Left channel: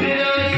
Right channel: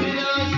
Thank you.